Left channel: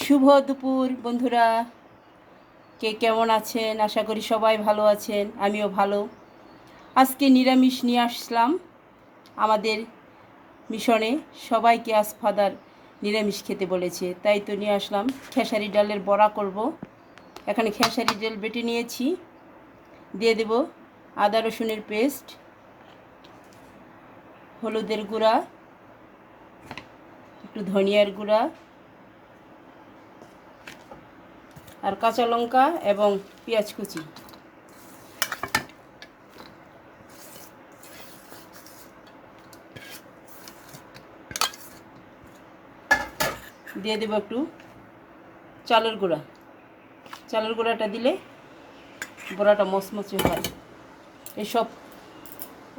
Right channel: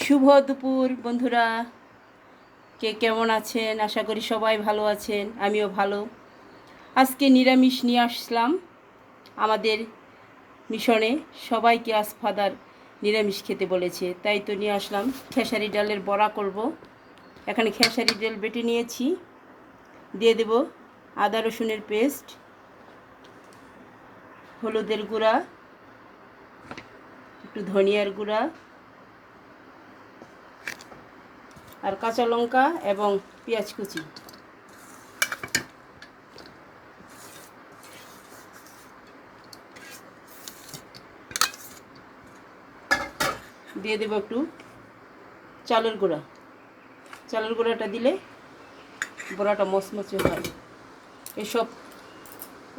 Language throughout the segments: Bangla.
শুভ দুপুর বন্ধুরা, কে কেমন আছেন? আশা করি সবাই ভালো আছেন, আমিও ভালো। আজকে নিরামিষ নিয়ে আসলাম আমাদের মিশনে। সবাইকে আজ ফাদার নিরামিষ খেতে বলেছে, তাই তো নিয়ে আসলাম। খেসারি ডালের বড়া করব। এখানে খেসারি ডাল বেটে নিয়েছি, দিয়ে দেব আদা রসুনের পেস্ট, হলুদের গুঁড়া, একটু ধনিয়ার গুঁড়া আর কাঁচা লঙ্কা এবং পেঁয়াজ কুচি। দিয়ে দেবো একটু চালের গুঁড়া। চালের গুঁড়াটা দিলে বড়াটা মচমচে হয়। এসব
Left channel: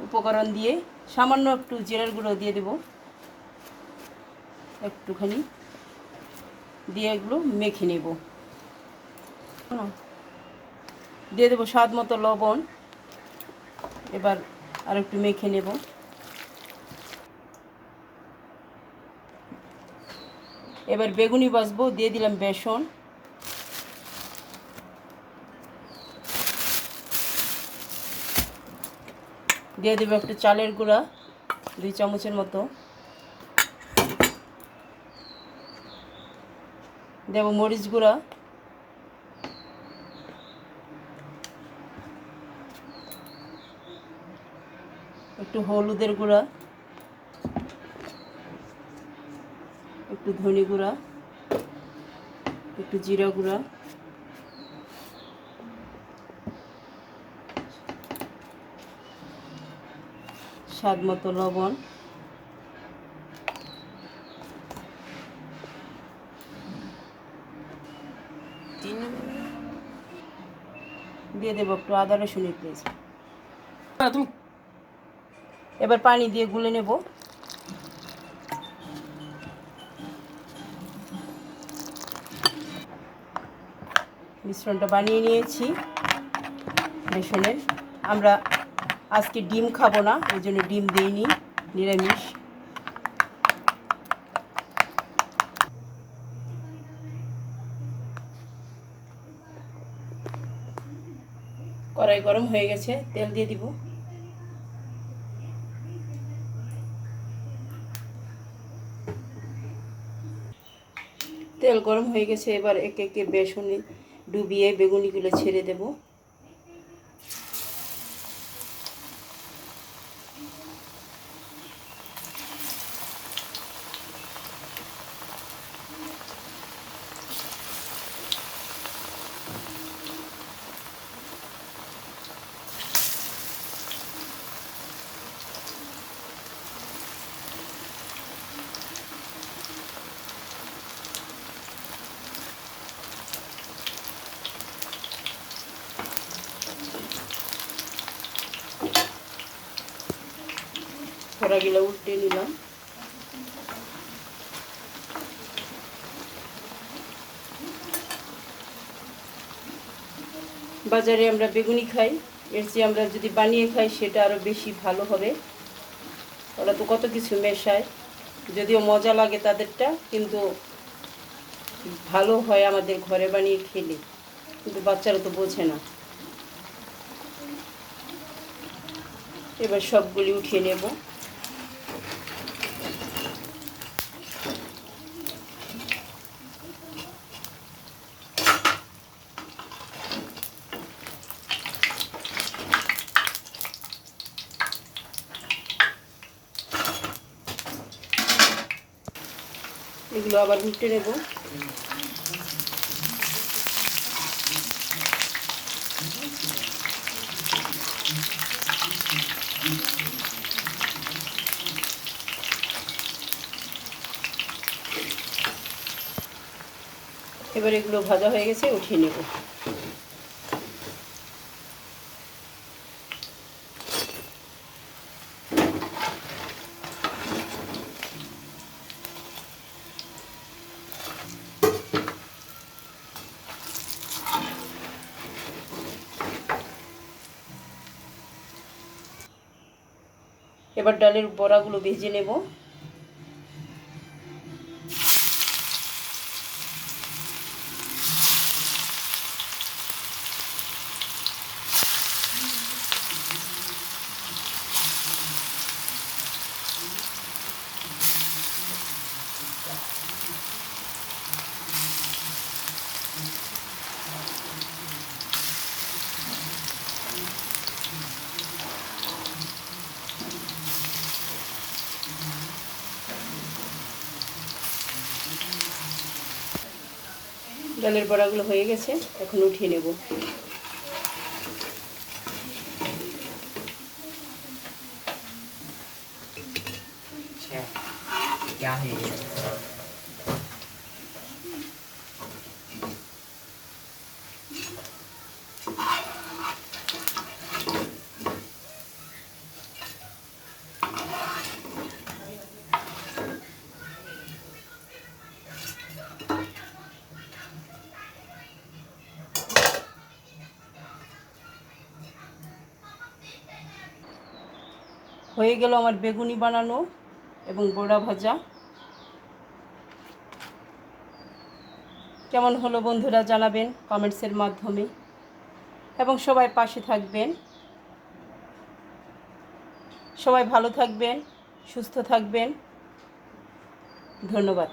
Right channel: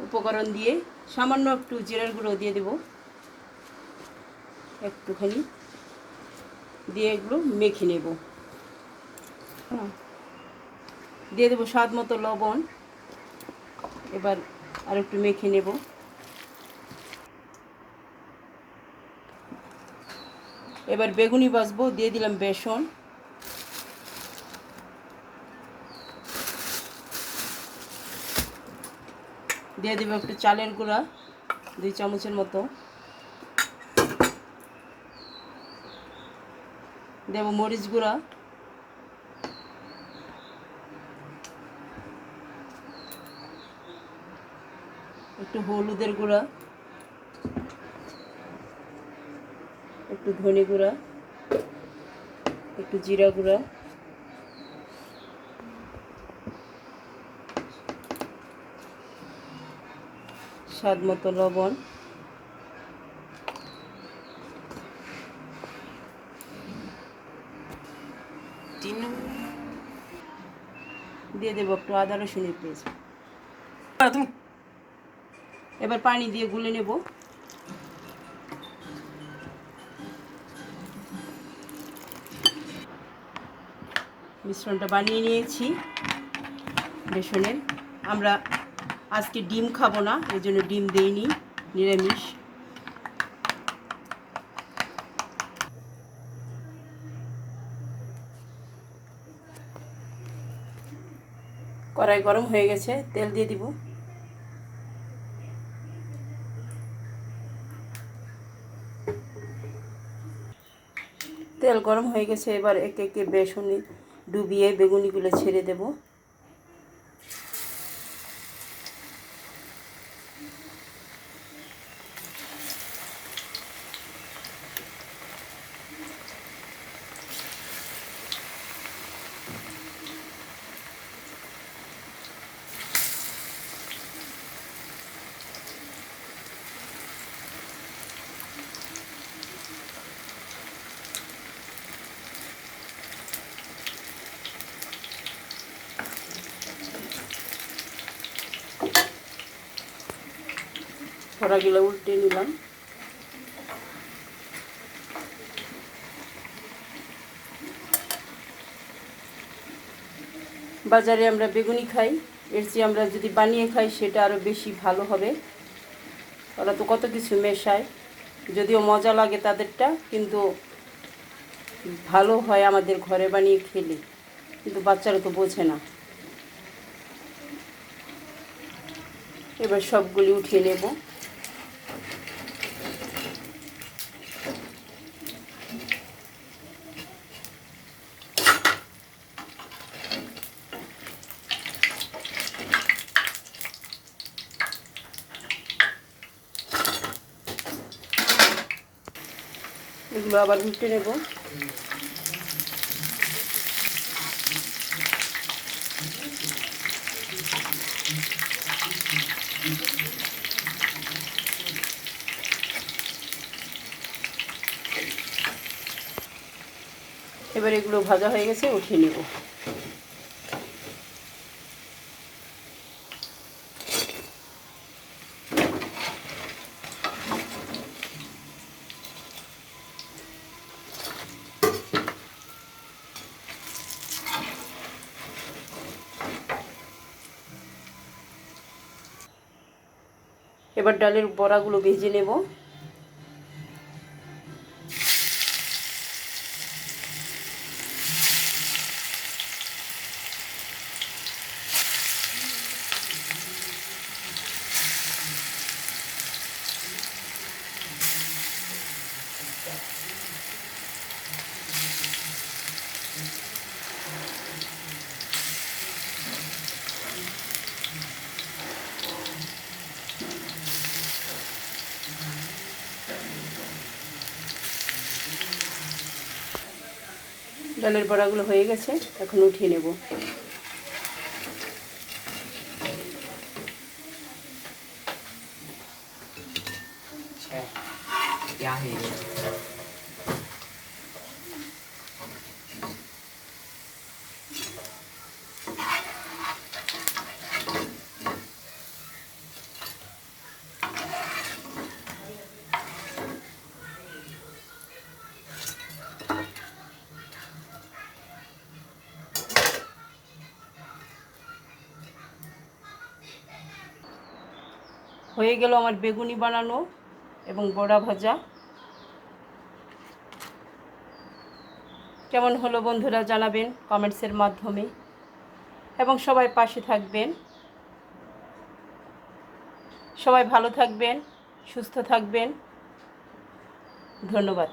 উপকরণ দিয়ে সামান্য একটু জিরার গুঁড়ো দিয়ে দেব, একটুখানি দিয়ে এগুলো মেখে নেব। দিয়ে দেবো স্বাদ মতো লবণ। এবার আর একটু মেখে নেব। এবার বেগুনি ভাজবো, দিয়ে দিলাম বেসন, দিয়ে দেবো একটু চালের গুঁড়া 2 চামচের মতো, দেবো মরিচ গুঁড়া, একটু হলুদের গুঁড়া, একটু ধনে গুঁড়া, একটু জিরা গুঁড়া, স্বাদ মতো লবণ, দিয়ে দেবো একটু আদা রসুনের পেস্ট। এবার পানি দিয়ে গুলে নেব। মিশ্রণটা বানিয়ে নিয়েছি বেসনের। আমরা আজকে ডিম খাবো না, এই জন্য ডিম দেইনি, নিরামিষ। কড়াই গরম হয়ে গেছে, তেল দিয়ে দিব। তেল গরম হয়ে গেছে, এবার একে একে বেসনে ডুবিয়ে বেগুনিগুলো ছেড়ে দেব। কড়াগুলো উল্টে নিলাম। বাজারে আমরা বেগুনি খাই, এর চেয়ে আমরা যদি বানিয়ে খাই সেটা আরও বেশি ভালো হবে। ওরা তো কত কিছু মেশায়, যদিও মজা লাগে তাদেরটা, কিন্তু ভালো হয় আমাদের ঘরে বানিয়ে খেলে। কিন্তু বাচ্চারা তো বোঝে না। এবার সবগুলি উঠিয়ে নেব। এগুলো আবার উল্টে নেব। এবার এগুলো ভাজা হয়ে গেছে, উঠিয়ে নেব। এবার ডালের বড়াগুলো ভেজে নেব। ডালের বড়াগুলো হয়ে গেছে, এখন উঠিয়ে নেব। হয়ে গেল আমার বেগুনি বানানো এবং বড়া ভাজা। কেমন হলো বন্ধুরা জানাবেন কমেন্টসের মাধ্যমে, এবং সবাই পাশে থাকবেন। সবাই ভালো থাকবেন, সুস্থ থাকবেন। ধন্যবাদ।